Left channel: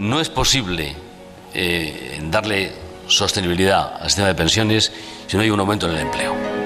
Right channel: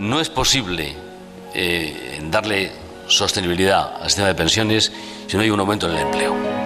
No es posible darle sostenibilidad al sistema de pensiones si no hay un aumento en el empleo.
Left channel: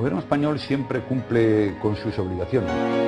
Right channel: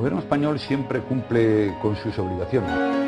El gobierno español siempre cumple con sus obligaciones.